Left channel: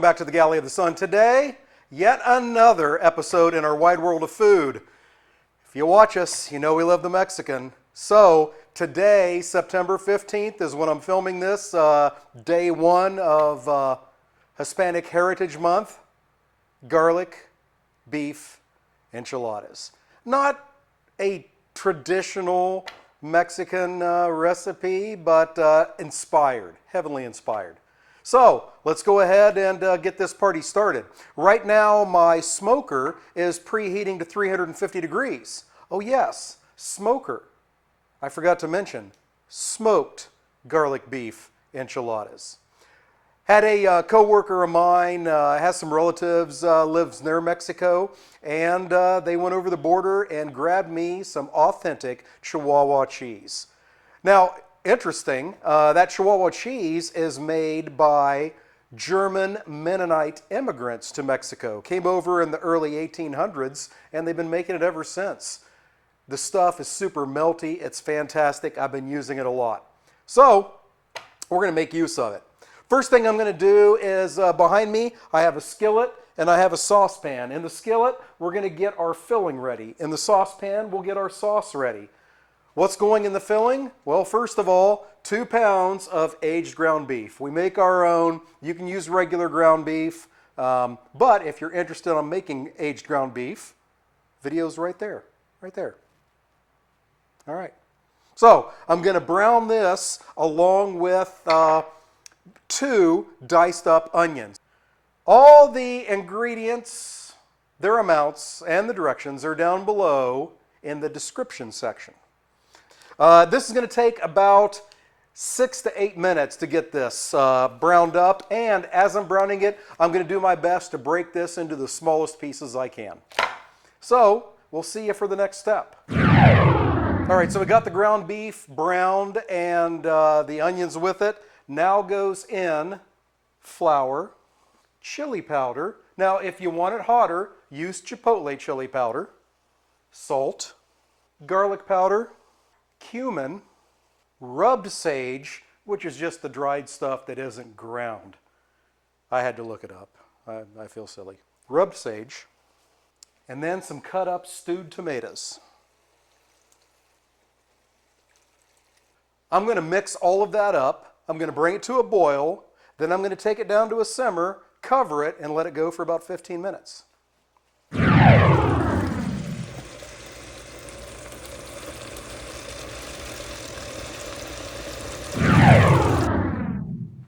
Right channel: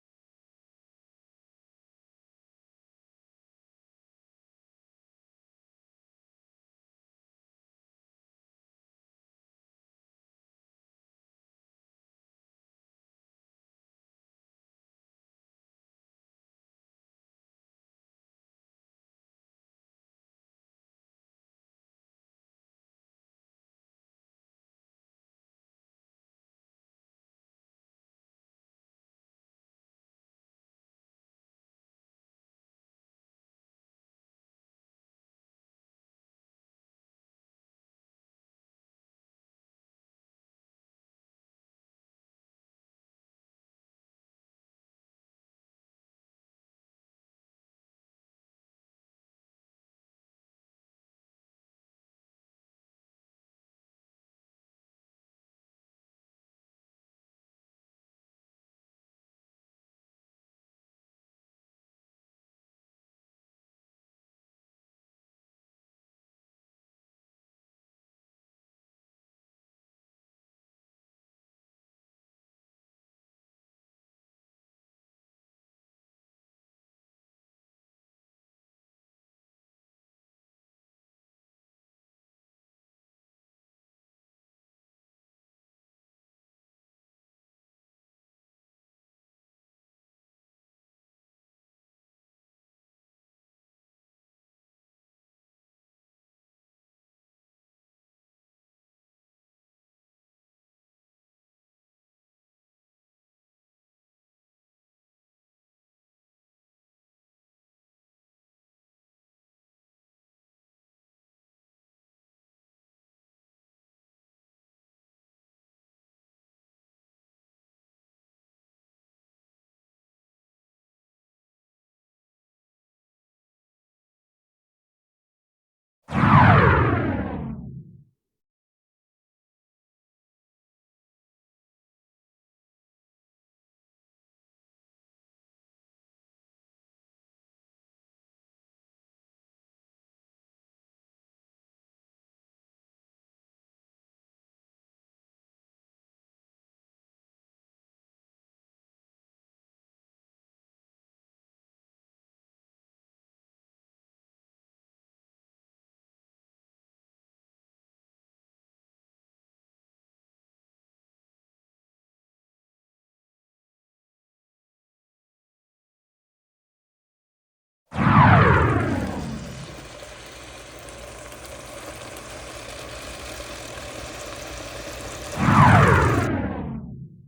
welcome back to the Galley of the Sun. Today, yet another episode in our wide world of food. If you watch us, you know we love the Mexican. So today, September 15th, is when I'm filming this, day one of Hispanic Heritage Month. Garlic, beef, enchiladas. Not a traditional Mexican recipe, but inspired, heavily inspired. So let's go ahead and get this party started. Right now my smoker is preheating to 350 degrees. Oh yes, smoker. I forgot to mention, smoked garlic beef enchiladas. Had a co-worker of mine, has some relatives, lives near Mexico, and they went over the border and grabbed me some authentic Chihuahua cheese. Now, interesting, that Chihuahua cheese is made by German Mennonite immigrants to Mexico. Came over in the early 1800s, and they've been making it ever since. The stuff is super melty. It's fantastic. I've been using it a lot. So, we're going to make use of it. First thing I'm going to do is, behind me, I have a skillet and I have a saucepan. In the skillet, we're going to get our filling ready. In the saucepan, we'll get our sauce ready. What's going in the filling? Well, first of all, 2 pounds of aged ground beef. We make our own. You can use regular ground beef, but if you're interested in making aged ground beef, video's right there, right there. All right. So I'm going to brown this along with 2 diced up onions. All the ingredients, their amounts, and the directions are down below in the description section. This is going to take about 6 to 8 minutes to get this browned up, and as I'm browning it, I'm going to do my best to break this into the smallest pieces I can. So, we'll see you for the next step. All right, so we got the ground beef browned and the onions with it. Now goes in flour, chili powder. Now, if you want it hotter, use chipotle chili powder, salt, garlic powder, cumin, rubbed sage, which is just the dried stuff that isn't ground. I had to look it up. I feel silly. Rubbed sage, and then some cut up stewed tomatoes. I'm going to mix all of that up. I'm going to bring it to a boil. Then I'm going to take it down to a simmer, cover it, and let it go for about 15 minutes.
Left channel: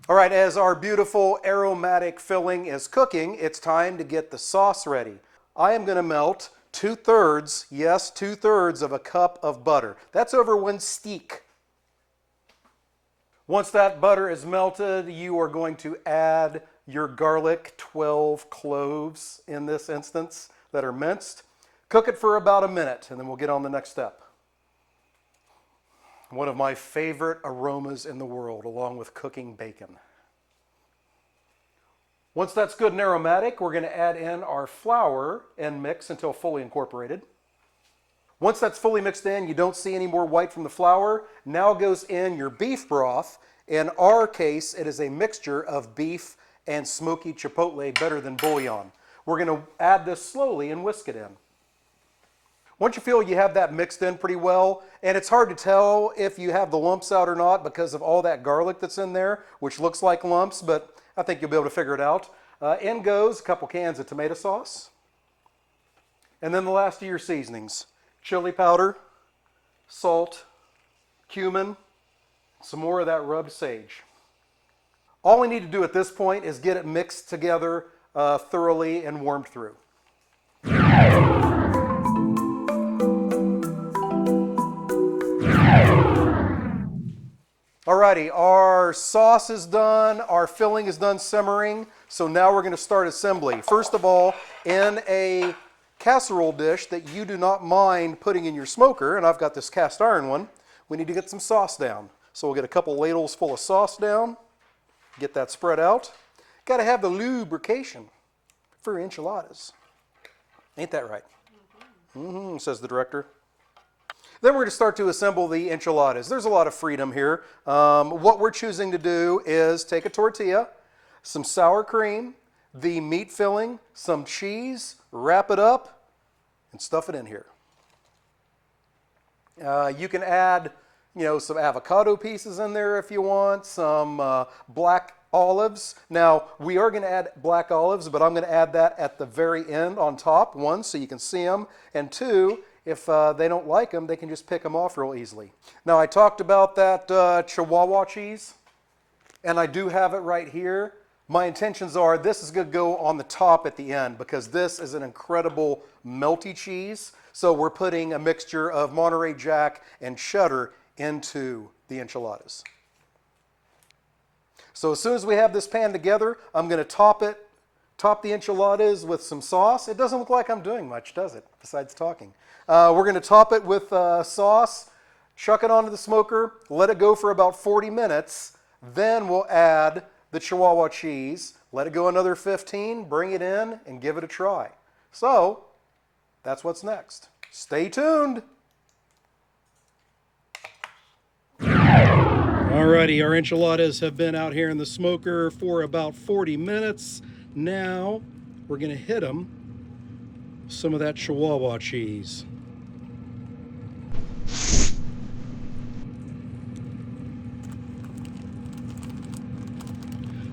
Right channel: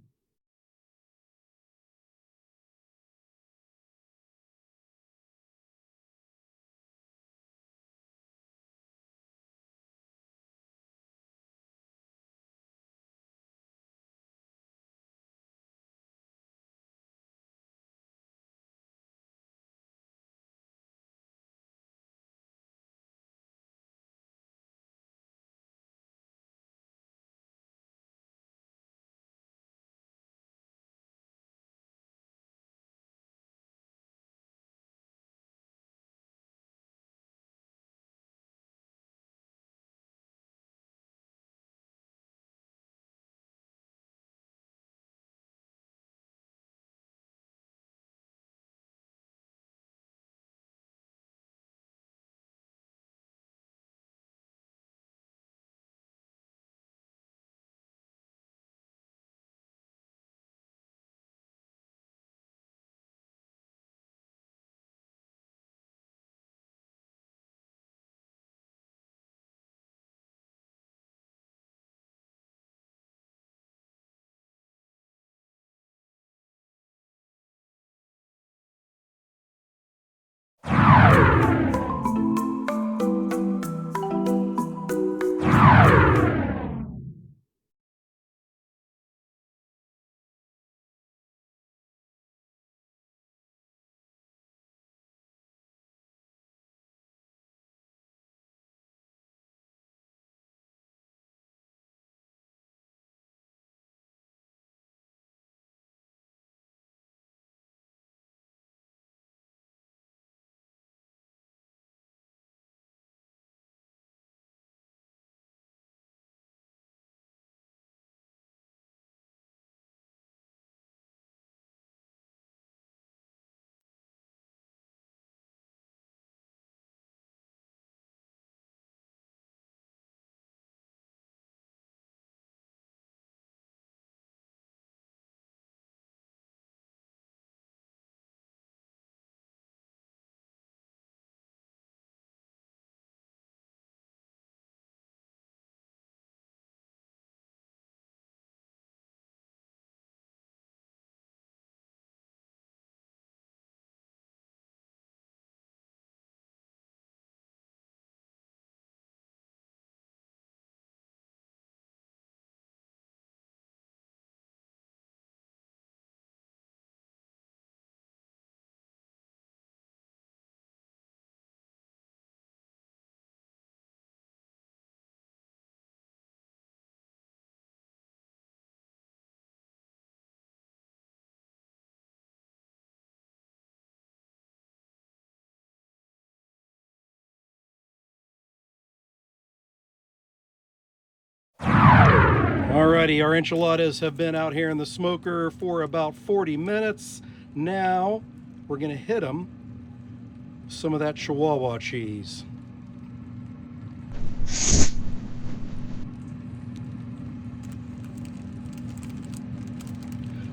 All right, as our beautiful aromatic filling is cooking, it's time to get the sauce ready. I am going to melt 2/3, yes, 2/3 of a cup of butter. That's over 1 stick. Once that butter is melted, you are going to add your garlic, 12 cloves in this instance that are minced. Cook it for about a minute, and then we'll get on the next step. One of my favorite aromas in the world, along with cooking bacon. Once that's good and aromatic, we're going to add in our flour and mix until fully incorporated. Once that's fully mixed in, you don't see any more white from the flour. Now goes in your beef broth. In our case, it is a mixture of beef and smoky chipotle, better than bouillon. We're going to add this slowly and whisk it in. Once you feel you have that mixed in pretty well, and it's hard to tell if you have the lumps out or not because of all that garlic that's in there, which looks like lumps, but I think you'll be able to figure it out. In goes a couple cans of tomato sauce. And then the last of your seasonings. Chili powder, salt, cumin, some more of that rubbed sage. All we need to do at this point is get it mixed together thoroughly and warmed through. Alrighty, our sauce is done, our filling is done simmering, so now we're going to start assembly. First of all, in a casserole dish that you do not mind putting in your smoker, and I've got this cast iron one, we need to get some sauce down. So we'll get a couple ladles full of sauce down, get that spread out. Got to have the lubrication for enchiladas. Ain't that right? Says the director. Then we're going to start to assemble the enchiladas. There's a lot of freedom here. What we're choosing to do is take a tortilla, some sour cream, the meat filling, some cheese, wrap it up, and stuff it in here. You can add, some avocado pieces in there if you want, some black olives. Now, we are going to add black olives, but I'm going to add that at the very end on top. One, so you can see them, and two, if they don't like them, they can just pick them off real easily. Now, I talked about that Chihuahua cheese, and I do have it right here. My intentions are this is going to go on the top at the end because this is an incredible melty cheese. So we're putting a mixture of Monterey Jack and cheddar into the enchiladas. So as soon as we have this pan together, I'm going to top the enchiladas with some sauce. It doesn't look like I'm doing much, does it, besides talking? We're going to top it with sauce, chuck it onto the smoker, let it go for about 40 minutes. Then we'll add the Chihuahua cheese, let it go another 15, bring it in, and give it a try. So that's what's next. Stay tuned. Alrighty, our enchiladas have been out here in the smoker for about 40 minutes. Now we're going to hit them with some of that Chihuahua cheese.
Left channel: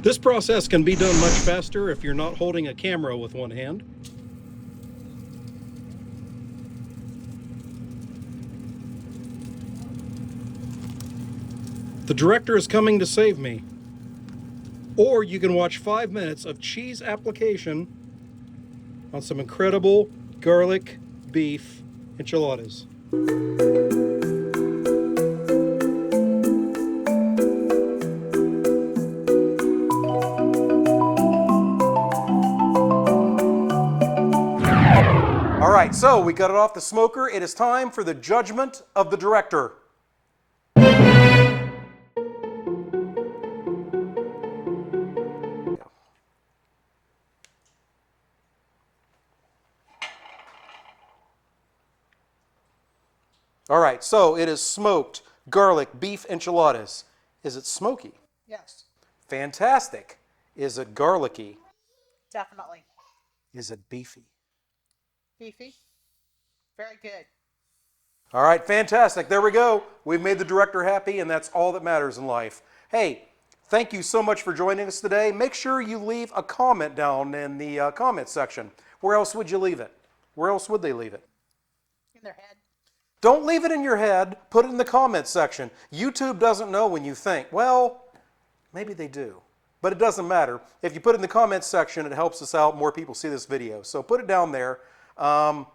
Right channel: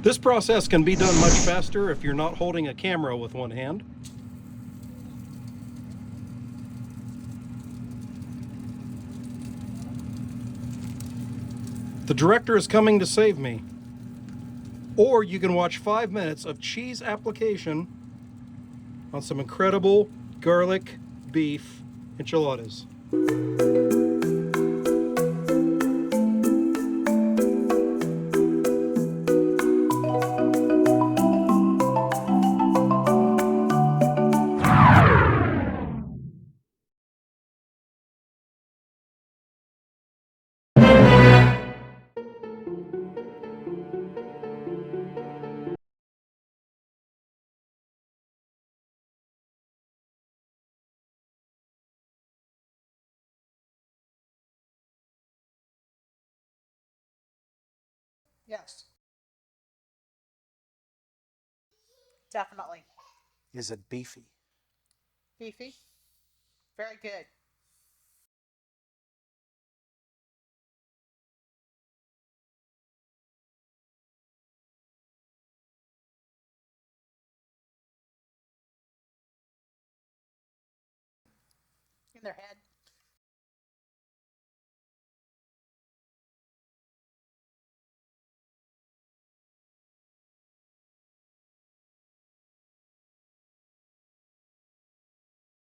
This process can be done much faster if you're not holding a camera with one hand. The director is coming to save me. Or you can watch 5 minutes of cheese application on some incredible garlic beef enchiladas. All right, so we got it off the smoker. It is time for the judgment of the director. All right, so it is smoked garlic beef enchiladas. Is it smoky? Yes. Fantastic. Is it garlicky? Definitely. Is it beefy? Beefy. Very good. All right, fantastic. There we go. We've made the director happy, and that's all that matters in life. Hey, thank you so much for joining us today. Make sure you leave a comment down in the comment section. Where else would you leave it? Where else would they leave it? In their head. Don't leave it in your head. Put it in the comments section. YouTube doesn't know when you think. Well, maybe they do. But it doesn't matter. If you put it in the comments section, it helps us out. More people see this video. So put it down there. And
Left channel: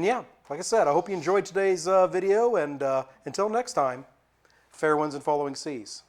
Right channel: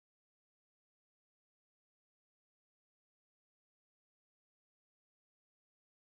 yeah, like I said, I hope you enjoyed today's video. And until next time, fair winds and following seas.